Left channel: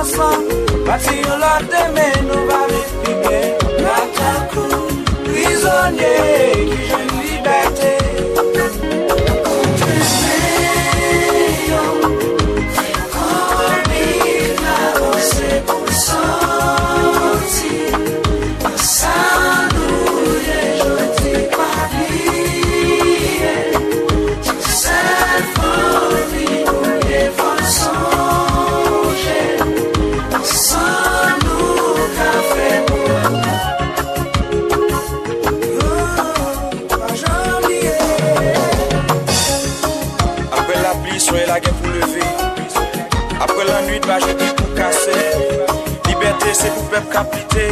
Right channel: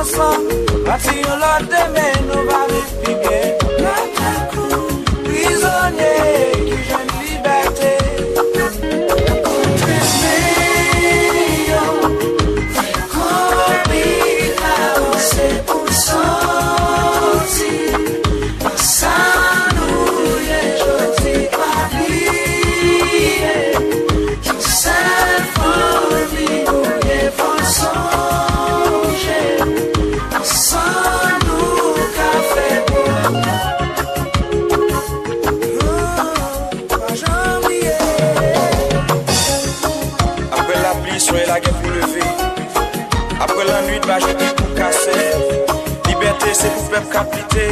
ensemble, bâtir l'autre demain, nous va vivre plus bien. Prisonnier qui joue une liberté. Soyez la guerre pour lever. Après la nuit, bah je dis pour casser. Liberté, c'est pour peuple caplité.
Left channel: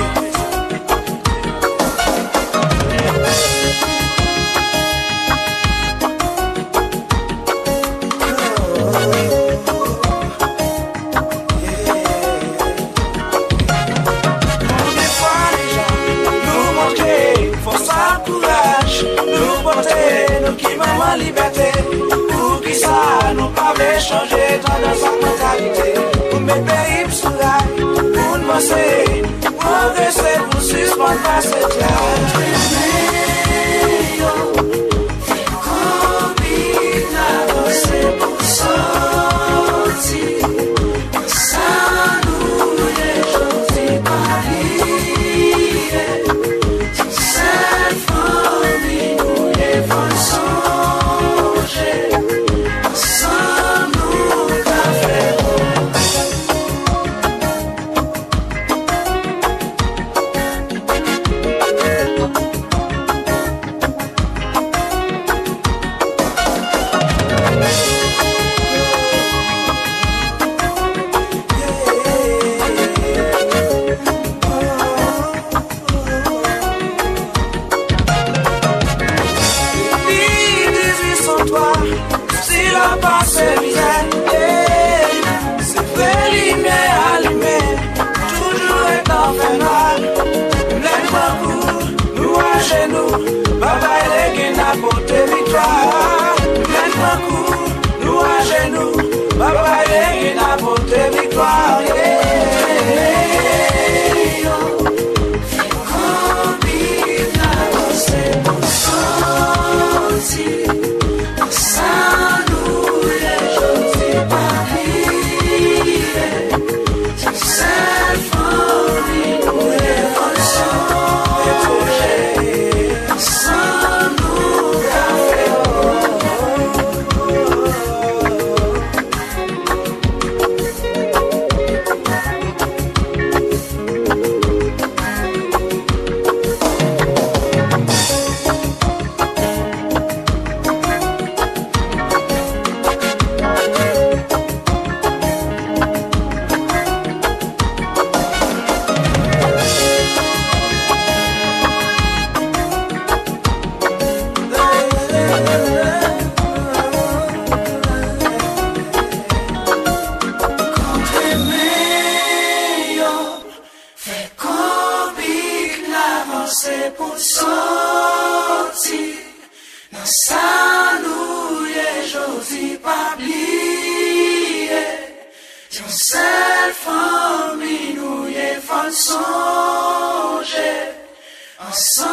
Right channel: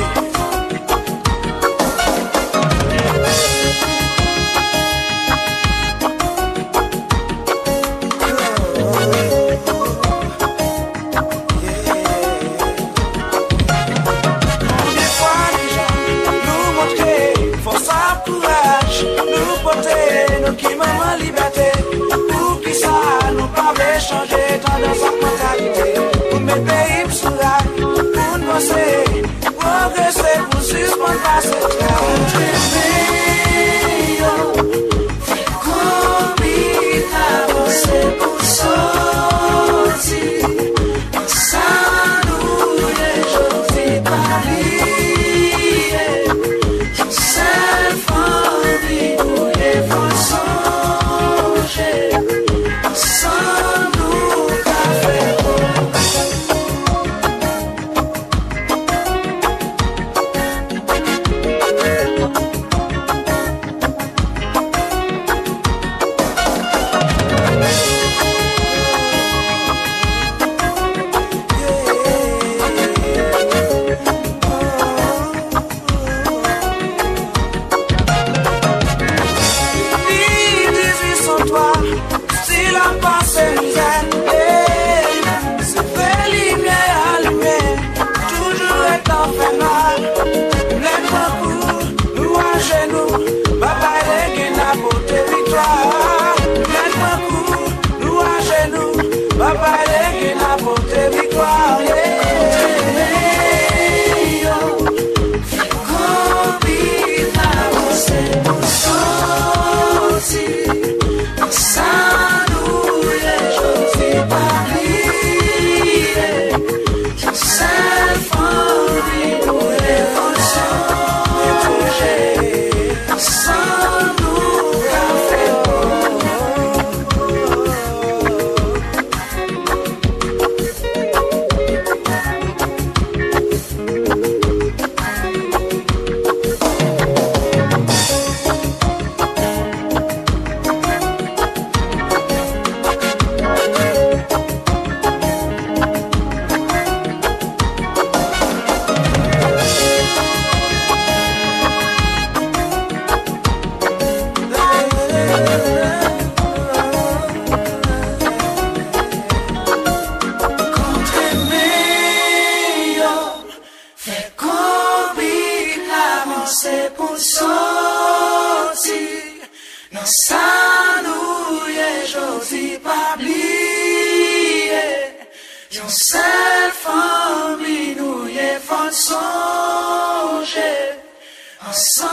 Combien de fois déjà nous montrer force à courage, nous porter nos qui maman liberté. Ça nous pas changer tendance à mentalité. Pour mes pays sous rail, pour nous avancer, progresser, pour suspendre pas cette Ensemble,